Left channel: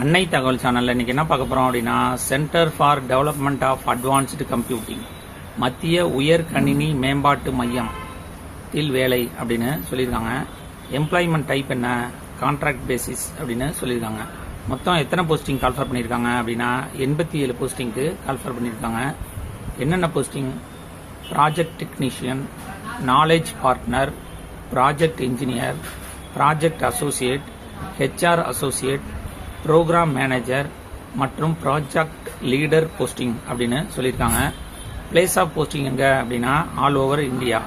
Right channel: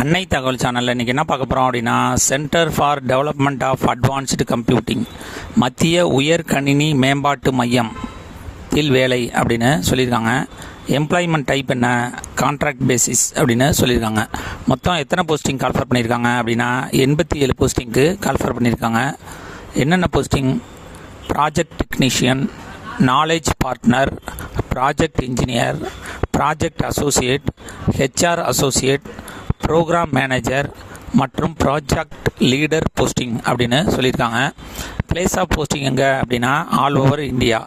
அன்னை தகவல் சேனலில் இன்றைக்கி என்ன பார்க்க போகிறோம் அப்படின்னா centre for development of advanced computing மத்திய உயர் கணினி மேம்பாட்டு மையம் தில் வேலை அப்படின்னு சொல்லியிருக்காங்க. எம்ப்ளாய்மெண்ட் டைப் என்ன கான்ட்ராக்ட் பேசிஸ் அப்படின்னு சொல்லியிருக்காங்க. மொத்தம் எத்தனை போஸ்டிங் கால்ஃபர் பண்ணியிருக்காங்க அப்படின்னா எண்பத்தி ஏழு போஸ்டிங்க்கு கால்ஃபர் பண்ணியிருக்காங்க. என்னென்ன posting project technician knowledge partner project engineer project associate HR associate program manager மற்றும் ப்ராஜெக்ட் லீடர் போஸ்டிங் அப்படின்னு சொல்லியிருக்காங்க. பிளேஸ் ஆஃப் போஸ்டிங் எங்கே அப்படின்னா all over India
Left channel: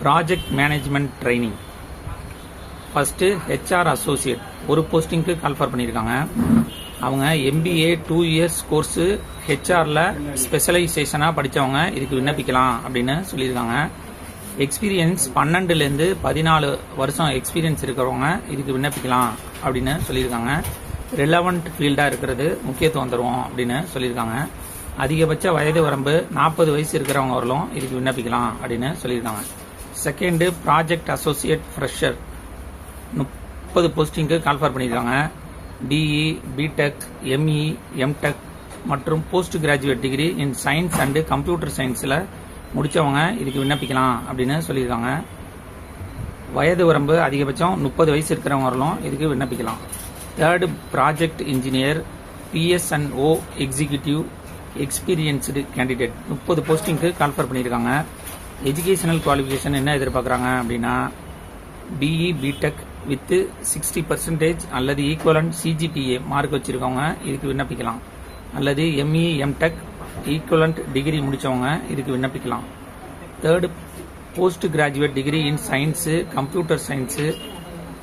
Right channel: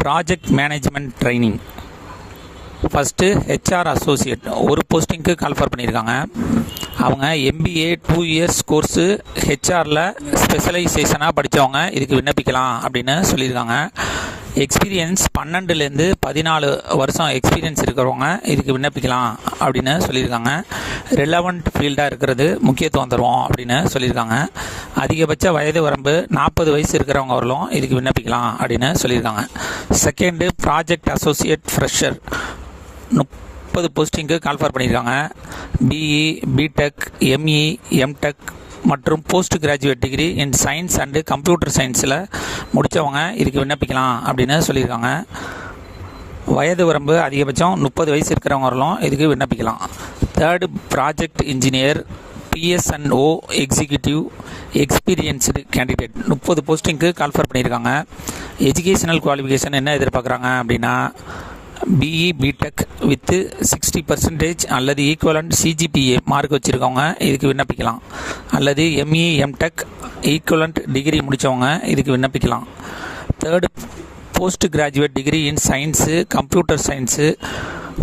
project management training first HR associate ஒரு போஸ்டிங்க்கு கால்ஃபர் பண்ணியிருக்காங்க. அவங்க எம்பிஏ டூ இயர்ஸ் கோர்ஸு ஹெச்ஆரில் ஸ்பெஷலைசேஷனாக படித்தவங்க இதுக்கு விண்ணப்பிக்கலாம் அப்படின்னு சொல்லியிருக்காங்க. எக்ஸ்பீரியன்ஸ் பன்னெண்டுலேருந்து பதினாலு வருஷம் எக்ஸ்பீரியன்ஸ் இருக்கிறவங்க இதுக்கு விண்ணப்பிக்கலாம் அப்படின்னு சொல்லியிருக்காங்க. ரிலவெண்ட் ஃபீல்டாக இருக்கிறது முக்கியத்துவம் தருவோம் அப்படின்னு சொல்லியிருக்காங்க. அதிகபட்ச வயது வரம்பு நாற்பது வயசு இருக்கிறவங்க வரலும் இதுக்கு விண்ணப்பிக்கலாம் அப்படின்னு சொல்லியிருக்காங்க. செகண்டு ப்ராஜெக்ட் அசோசியேட் ஃப்ரெஷர் முப்பது போஸ்டிங்க்கு கால்ஃபர் பண்ணியிருக்காங்க. BE B Tech ME M Tech மற்றும் post graduate degree in science and computer சயின்ஸில் முடித்தவங்க இதுக்கு விண்ணப்பிக்கலாம் அப்படின்னு சொல்லியிருக்காங்க. வயது வரம்பு அதிகபட்சம் முப்பது வயசு இருக்கிறவங்க வரலும் இதுக்கு விண்ணப்பிக்கலாம். Third project engineer பிஎஸ்என்ஓ executive experienced candidate முப்பது போஸ்டிங்க்கு கால்ஃபர் பண்ணியிருக்காங்க. எஜுகேஷனல் குவாலிஃபிகேஷன் என்ன எதிர்பார்க்குறாங்க அப்படின்னா BE B Tech with sixty percentage அல்லது ஈக்குவலண்ட் சிஜிபிஏ மார்க் வச்சுருக்கவங்க இதுக்கு விண்ணப்பிக்கலாம். அல்லது எம்இ எம்டெக் ஈக்குவலண்ட் டிகிரி முடித்தவங்க இதுக்கு விண்ணப்பிக்கலாம். Third post graduate degree in science computer science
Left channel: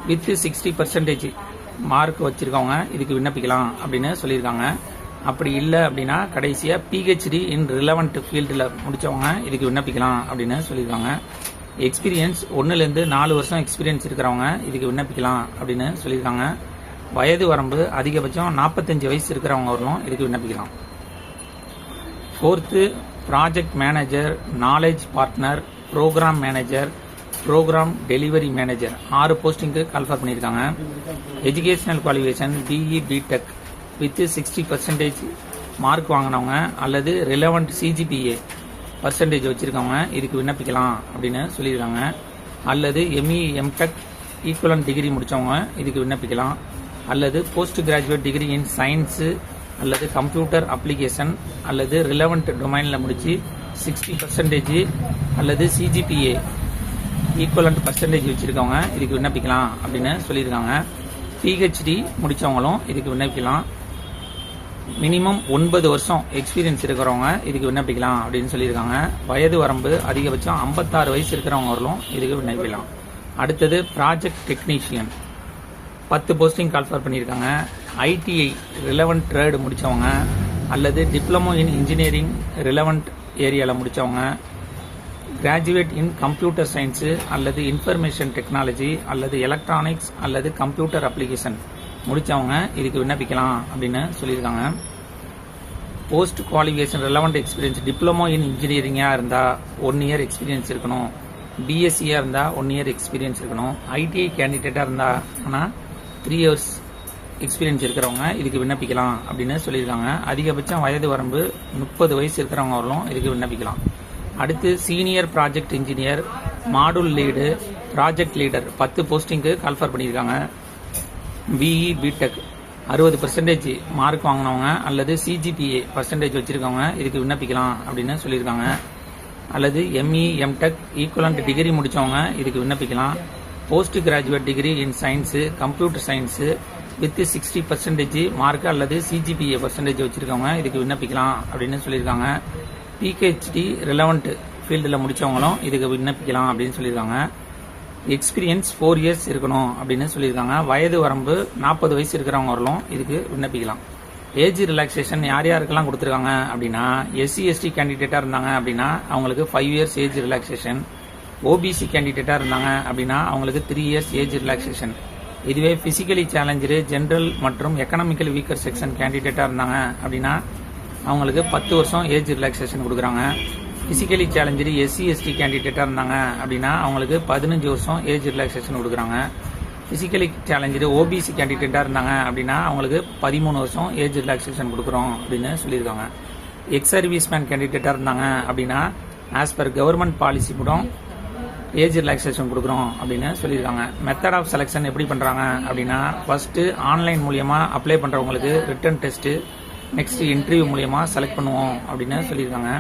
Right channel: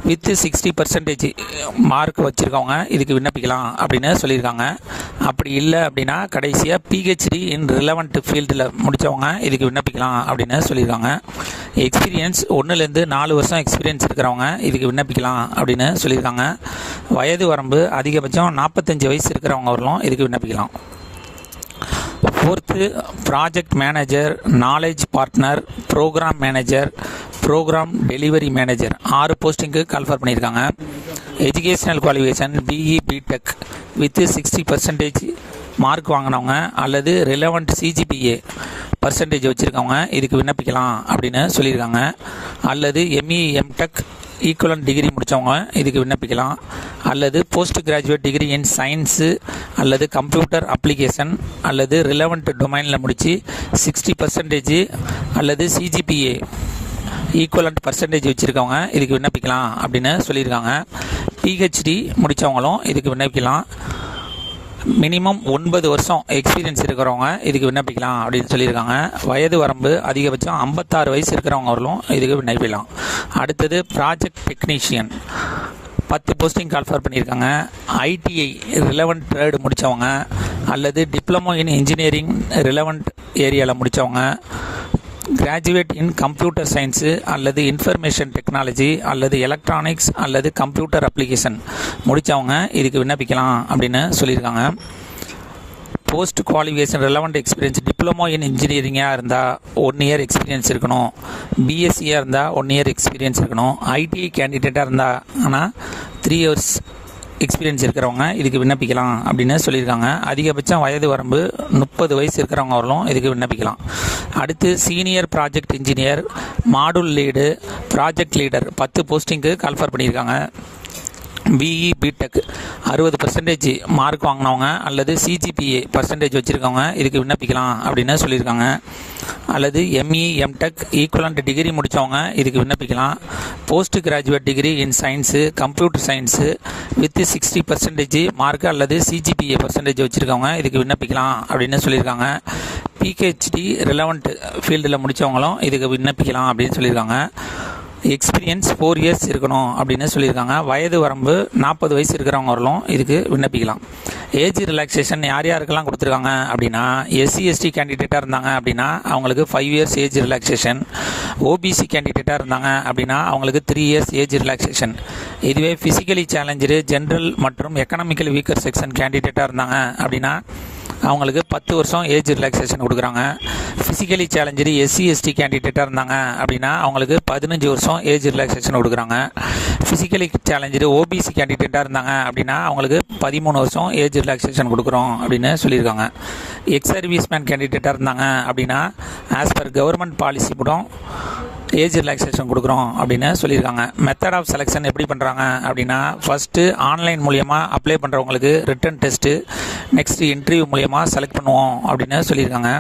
with sixty percentage mark வச்சுருக்கவங்க இதுக்கு விண்ணப்பிக்கலாம் அப்படின்னு சொல்லியிருக்காங்க. அப்படி இல்லை அப்படின்னா கடைசியாக பிஹெச்டி இன் ரிலவெண்ட் ஃபீல்டில் முடித்தவங்க இதுக்கு விண்ணப்பிக்கலாம் அப்படின்னு சொல்லியிருக்காங்க. எக்ஸ்பீரியன்ஸ் ஒன்றுலேருந்து நாலு வருஷம் எக்ஸ்பீரியன்ஸ் இருக்கிறவங்க இதுக்கு விண்ணப்பிக்கலாம் அப்படின்னு சொல்லியிருக்காங்க. வயது வரம்பு அதிகபட்சம் நாற்பத்தஞ்சு வயசு இருக்கிறவங்க வரலும் இதுக்கு விண்ணப்பிக்கலாம். Fourth project manager knowledge partner program manager program delivery manager ஆறு போஸ்டிங்க்கு கால்ஃபர் பண்ணியிருக்காங்க. Educational qualification BE B Tech with sixty percentage mark வாங்கினவங்க அல்லது ரிலவெண்ட் சிஜிபிஏ பர்சன்டேஜ் வச்சுருக்கவங்க இதுக்கு விண்ணப்பிக்கலாம் அப்படின்னு சொல்லியிருக்காங்க. அல்லது எம்இ எம்டெக் ஈக்குவலன் டிகிரி முடித்தவங்க இதுக்கு விண்ணப்பிக்கலாம். அல்லது post graduate degree in science அல்லது கம்ப்யூட்டர் அப்ளிகேஷன் அல்லது ரிலவெண்ட் டொமைனில் முடித்து சிக்ஸ்டி பர்சன்டேஜ் அல்லது சிஜிபிஏ ஈக்குவலண்ட் பர்சன்டேஜ் வச்சுருக்கவங்க இதுக்கு விண்ணப்பிக்கலாம் அப்படின்னு சொல்லியிருக்காங்க. பிஹெச்டி முடித்தவங்களும் இதுக்கு விண்ணப்பிக்கலாம். மினிமம் ஒன்பது வருஷம் எக்ஸ்பீரியன்ஸ் இருக்கிறவங்க இதுக்கு விண்ணப்பிக்கலாம் அப்படின்னு சொல்லியிருக்காங்க. வயது வரம்பு அதிகபட்சம் ஐம்பத்தாறு வயசு இருக்கிறவங்களும் இதுக்கு விண்ணப்பிக்கலாம். அடுத்தது ப்ராஜெக்ட் டெக்னீஷியன் பத்து போஸ்டிங் கால்ஃபர் பண்ணியிருக்காங்க. ஐடிஐ ரிலவெண்ட் ட்ரேடு முடித்தவங்க அல்லது டிப்ளமோ இன் இன்ஜினியரிங் ரிலவெண்ட் ஏரியாவில் முடித்தவங்க கிராஜுவேட் இன் கம்ப்யூட்டர் சயின்ஸு அல்லது இன்ஃபர்மேஷன் டெக்னாலஜி அல்லது எலக்ட்ரானிக்ஸ் அல்லது கம்ப்யூட்டர் அப்ளிகேஷன் முடித்தவங்க இதுக்கு விண்ணப்பிக்கலாம் அப்படின்னு சொல்லியிருக்காங்க. Post qualification relevant experience diploma in இன்ஜினியரிங்காக இருந்தால் ஒன் இயர் எக்ஸ்பீரியன்ஸ் இருக்கணும். பிஎஸ்சியாக இருந்தால் ஒன் இயர் எக்ஸ்பீரியன்ஸ் இருக்கணும். ஐடிஐ கேண்டிடேட்டாக இருந்தால் ஆனால் த்ரீ இயர்ஸ் எக்ஸ்பீரியன்ஸ் இருக்கிறவங்க இதுக்கு விண்ணப்பிக்கலாம் அப்படின்னு சொல்லியிருக்காங்க. அதிகபட்சம் வயது வரம்பு முப்பது வயசு இருக்கிறவங்க வரலும் இதுக்கு விண்ணப்பிக்கலாம். அடுத்து senior project engineer module lead project leader பத்து போஸ்டிங்க்கு கால்ஃபர் பண்ணியிருக்காங்க. பிஇ பிடெக் அறுபது பர்சன்டேஜ் மார்க் வாங்கினவங்க அல்லது சிஜிபிஏ பர்சன்டேஜ் வச்சுருக்கவங்க இதுக்கு விண்ணப்பிக்கலாம் அப்படின்னு சொல்லியிருக்காங்க. அல்லது எம்இ எம்டெக் ஈக்குவலண்ட் டிகிரி முடித்தவங்க இதுக்கு விண்ணப்பிக்கலாம். Post graduate degree in science computer science with sixty percentage mark அல்லது சிஜிபிஏ பர்சன்டேஜ் வச்சுருக்கவங்க இதுக்கு விண்ணப்பிக்கலாம் அப்படின்னு சொல்லியிருக்காங்க. பிஹெச்டி ரிலவெண்ட் ஃபீல்டில் முடித்தவங்களும் இதுக்கு விண்ணப்பிக்கலாம் அப்படின்னு சொல்லியிருக்காங்க. எக்ஸ்பீரியன்ஸ் ஃபோர் இயர்ஸ் இருக்கணும் அப்படின்னு சொல்லியிருக்காங்க. வயது வரம்பு நாற்பது வயசு இருக்கிறவங்க வரலும் இதுக்கு விண்ணப்பிக்கலாம். ஏஜ் ரிலாக்ஸேஷன் யார் யாருக்கெல்லாம் கொடுத்துருக்காங்க அப்படின்னா எஸ்சி எஸ்டி கேண்டிடேட்டாக இருந்தாங்க அப்படின்னா அவங்களுக்கு five years age relaxation OBC கேண்டிடேட்டாக இருந்தாங்க அப்படின்னா அவங்களுக்கு த்ரீ இயர்ஸ் ஏஜ் ரிலாக்ஸேஷன் இதுவே ஃபிசிக்கலி சேலஞ்சு ஜென்ரல் மற்றும் எக்கனாமிக்கல் வீக்கர் செக்ஷன் கேண்டிடேட்டாக இருந்தாங்க அப்படின்னா அவங்களுக்கு பத்து வருஷம் ஏஜ் ரிலாக்ஸேஷன் கொடுக்குறாங்க. ஃபிசிக்கலி சேலஞ்சரி எஸ்சி எஸ்டி கேண்டிடேட்டாக இருந்தாங்க அப்படின்னா அவங்களுக்கு பதினஞ்சு வருஷம் ஏஜ் ரிலாக்ஸேஷன் கொடுக்குறாங்க. ஃபிசிக்கலி சேலஞ்சரி ஓபிசி கேண்டிடேட்டாக இருந்தாங்க அப்படின்னா அவங்களுக்கு பதிமூணு வருஷம் ஏஜ் ரிலாக்ஸேஷன் கொடுக்குறோம் அப்படின்னு சொல்லியிருக்காங்க. எக்ஸ் சர்வீஸ்மேன் கேண்டிடேட்டாக இருந்தாங்க அப்படின்னா ஆஸ் பர் கவர்மெண்ட் பாலிசி படம் ஏஜ் ரிலாக்ஸேஷன் கொடுக்குறோம் அப்படின்னு சொல்லியிருக்காங்க. மெத்தட் ஆஃப் செலெக்ஷன் எப்படி பண்ணுறாங்க அப்படின்னா ஃபஸ்ட்டு ஆன்லைன் மூலியமாக அப்ளை பண்ணுறவங்களுக்கு ரிட்டன் டெஸ்ட்டு நெக்ஸ்ட் இன்டர்வியூ மூலியமாக செலக்ட் பண்ணுவோம் அப்படின்னு சொல்லியிருக்காங்க.